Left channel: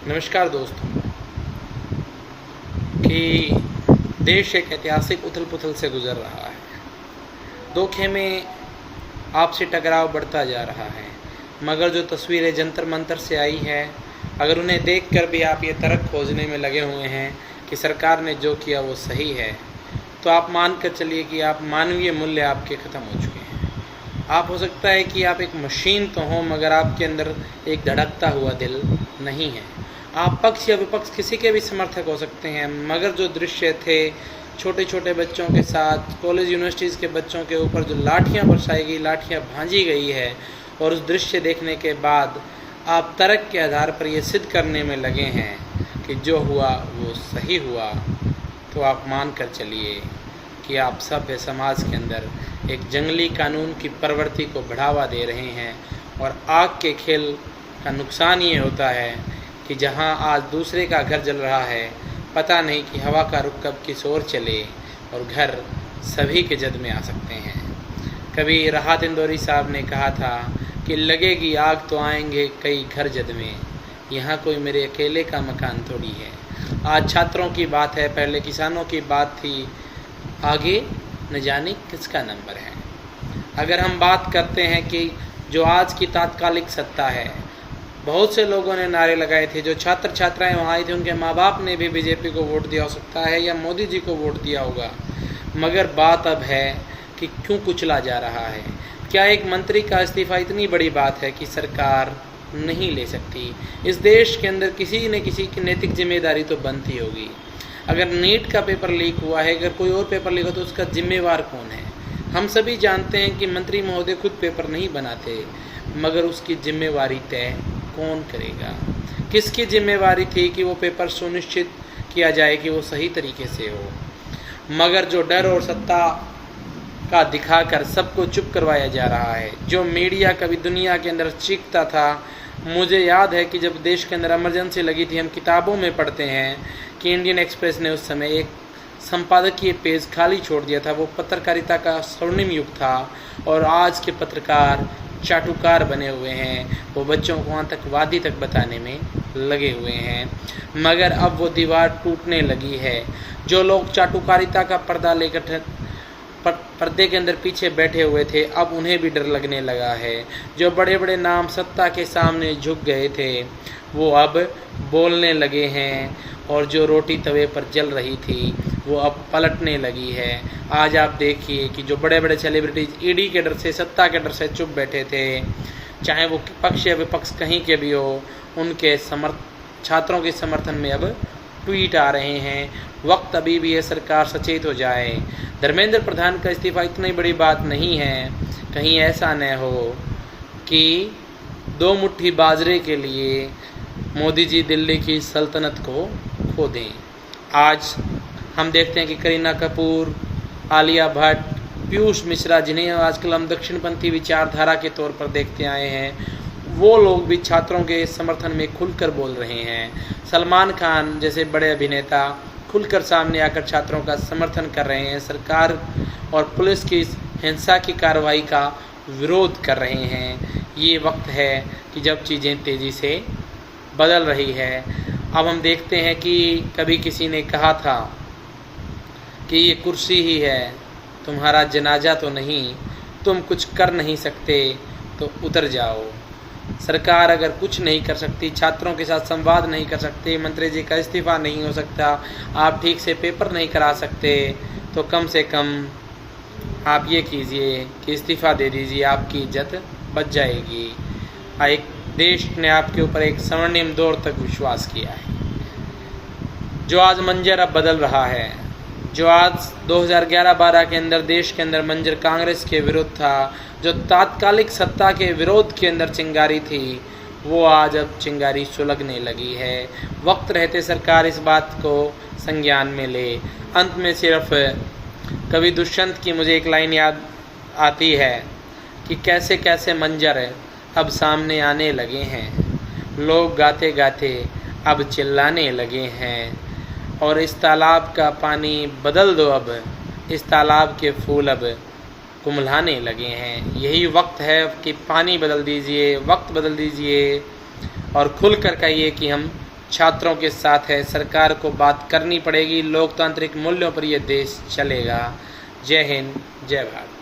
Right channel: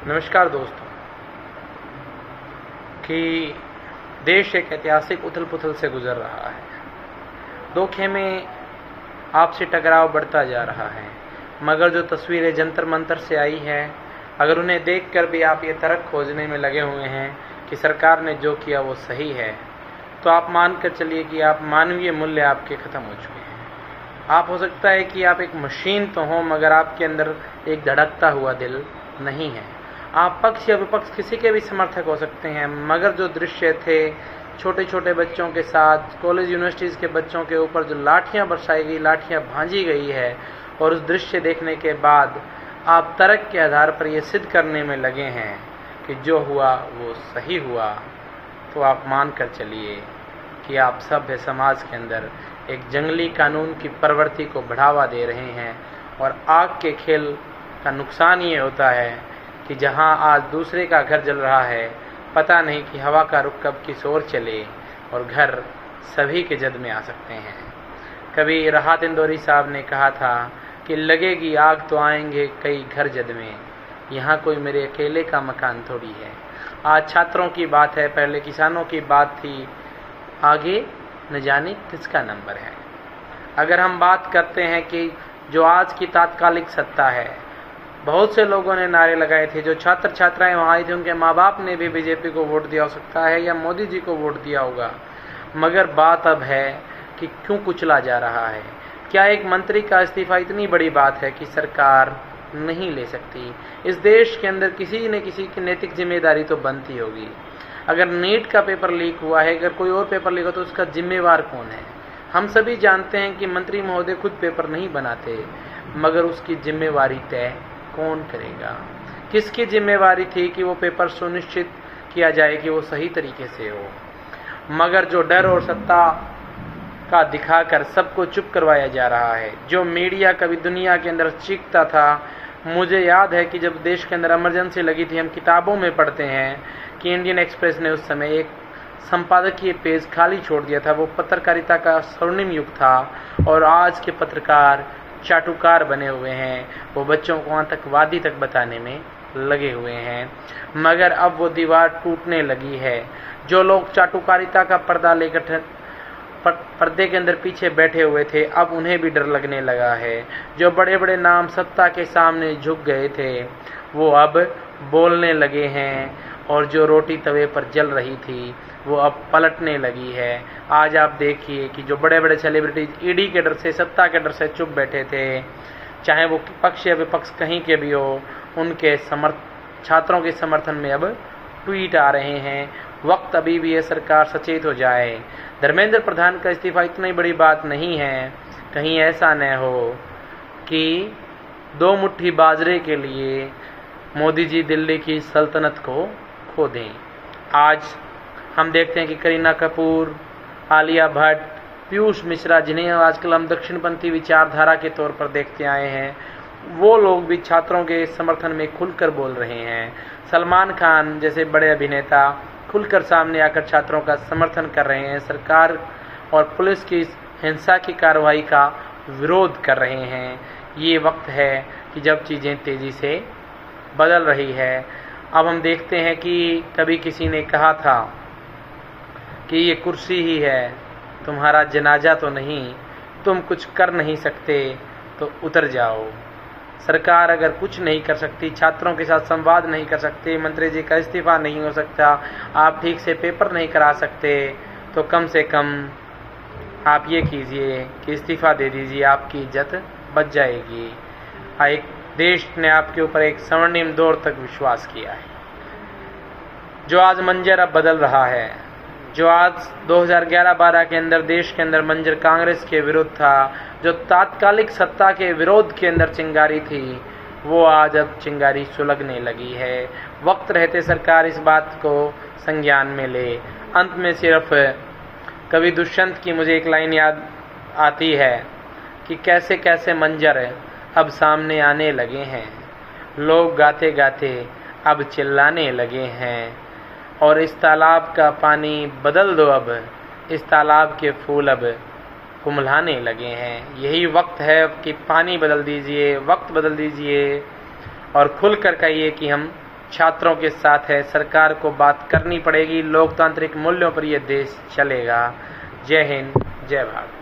नमस्कार दोस्तों। कि देश एक ऐतिहासिक उथल पुथल से गुजर रहा है। दो खेमे आपसी टकराव बढ़ता जा रहा है, मगर जो तस्वीरें जंतर मंतर से आई हैं, अगर उन्हें देखकर भी आप ये तर्क खोजने में लगे हुए हैं कि सरकार ने जो किया वो सही है, तो आप मान कर चलिए कि आप मानवीय मूल्य आपके ख़त्म हो चुके हैं। आप हो सकता है कि आप एक मशीन तो हो, मगर आपके अंदर एक धड़कता हुआ दिल नहीं है। आप पक्ष या विपक्ष किसी के भी समर्थक हो सकते हैं, मगर जो दृश्य थे छोटे छोटे बच्चों के साथ, कॉलेज यूनिवर्सिटीज़ के बच्चों के ऊपर जो लाठियां बरसाई गई, लाठियां भांजी गई है, और उस दृश्य देखने के बाद आप तर्क के आधार पर ये सिद्ध करने में लगे हैं कि जो हुआ वो सही हुआ, तो आप मान कर चलिए कि आप सभ्य समाज के अंदर एक जंगली कानून की प्रवृत्ति को बढ़ावा दे रहे हैं। और आग के खेल का नुकसान ये होता है कि जहां आज दूसरे का घर जल रहा है, पता नहीं कि हवा का रुख कब किस ओर चले और घर सभी के जद में आ सकते हैं। कभी राहत इंदौरी साहब ने कहा था कि लगेगी आग तो आएंगे कई घर जद में, यहाँ कोई मेरे अकेले का मकान थोड़ी है। आज छात्रों की बात है, पहले किसानों की बात थी, आगे न जाने किसका नंबर है। अगर हम बात करते हैं कि जो आज की तात्कालिक सत्ता है, बहुत से लोगों ने नारे लगाए थे, जो छात्र छात्राएं वहाँ आई थी, उनके माँ बाप ने भी बीजेपी को वोट दिया हो सकता है या मोदी जी को वोट दिया होगा। मगर बात अब है कि क्यों कुचला जा रहा है। क्या एक मंत्री का इस्तीफा इतनी बड़ी बात है कि सरकार नहीं ले सकती? इस देश के अंदर किसी न किसी की नैतिक जिम्मेदारी तो बनती होगी। अगर नीट का पेपर लीक हुआ है, अगर कोई और पेपर लीक हो, तो उसका जिम्मेवार कौन है? हम सभी जानते हैं कि मंत्री महोदय खुद पेपर नहीं बनाते, मगर उसकी जिम्मेवारी तय कौन करेगा? किसकी जिम्मेवारी थी कि वो पेपर सुनिश्चित किया जाए कि वो सही तरीके से हो? मगर जो डर और सत्ता का दिखाकर सबको चुप करवाया जा रहा है, जो मीडिया कभी दुनिया के अंदर चीखता था। मुझे याद है कि जब देश के अंदर इमरजेंसी लगी थी, हम किताबों में पढ़ते हैं कि इंडियन एक्सप्रेस ने उस समय एक संपादकीय पेज खाली छोड़ दिया था। वो पत्रकारिता का स्वर्णिम युग था, और आज के पत्रकार चाटुकार बने हुए हैं। वो बच्चों को आतंकवादी तक बताने में लगे हुए हैं। मगर अब वो दीवार टूटने लगी है। जो लोग चाटुकारिता का पर्दा लेकर पर्दे के अंदर पीछे बैठे हुए थे, अब उन्हें भी डर लगने लगा है। जो बड़े बड़े नाम सत्ता के सामने झुक गए थे, वो अब बोलने लगे हैं, और जो रोटी तवे पर जल रही थी वो अब पलटने लगी है। आज आप देखिए कि जो बड़े बड़े सेलिब्रिटीज ईडी के डर से, सत्ता के डर से चुप बैठे थे, चाहे वो पक्ष या विपक्ष कहीं के भी हो, उनके छात्रों के समर्थन में अब ट्वीट आ रहे हैं। वक्त अभी भी है, सरकार सचेत हो जाए। धर्मेंद्र प्रधान का इस्तीफा इतनी बड़ी बात नहीं है, कहीं ऐसा न हो कि दो मुट्ठी बाजरे के लिए मोदी जी दिल्ली की सल्तनत को खो दें। आज हम देखते हैं कि करीना कपूर, आलिया भट्ट, पीयूष मिश्रा, जिन्हें आजकल हम दक्षिणपंथी विचारधारा के तौर पर देखते आए हैं, वो लोग भी छात्रों के समर्थन में खुलकर बोल रहे हैं। सलमान खान जैसे बड़े अभिनेता खुलकर सामने आकर छात्रों का समर्थन कर रहे हैं। सरकार और पुलिस की हिंसा की कार्रवाई का विरोध कर रहे हैं। ये वक्त है कि जब चीज़ें तेज़ी से बदल रही है। अब हम देखते हैं कि कभी किसी ने कहा था कि ये कुर्सी ही है, तुम्हारा जनाजा तो नहीं, तुम कुछ कर नहीं सकते तो उतर जाओ। सरकार अगर कुछ नहीं कर सकती, छात्रों के साथ संवाद नहीं कर सकते, मंत्री जी का इस्तीफा नहीं हो सकता, आप ठीक से पेपर नहीं करा सकते, तो कम से कम आप ये कीजिए कि इस्तीफा दे दीजिए, आपकी इज्जत बच जाएगी। एक देश ने आपके ऊपर एक स्वर्णिम दौर तक विश्वास किया है। जो आज मंजर अब बदल रहा है, जो आज 2011-12 के अंदर देश के अंदर मंजर कांग्रेस के विरुद्ध था, जो तात्कालिक सत्ता के विरोध के अंदर चिंगारी थी, वो आज अब चिंगारी सुलगने लगी है। वक्त रहते सरकार इस बात को संज्ञान में ले। अंत में सिर्फ कवि दुष्यंत की मुझे एक लाइन याद आती है कि कैसे कैसे मंजर अब सामने आने लगे हैं, लोग गाते गाते अब चिल्लाने लगे हैं, और इस तालाब का पानी बदल दो, अब इस तालाब के फूल अब कुम्हलाने लगे हैं। यही वक्त है कि पानी बदल दीजिए, वक्त बदल दीजिए, और खुल कर कहिए कि हम छात्रों के साथ है। सरकार को बात करनी पड़ेगी। लोकतांत्रिक मूल्यों पर यह देश चलेगा। जय हिंद, जय भारत।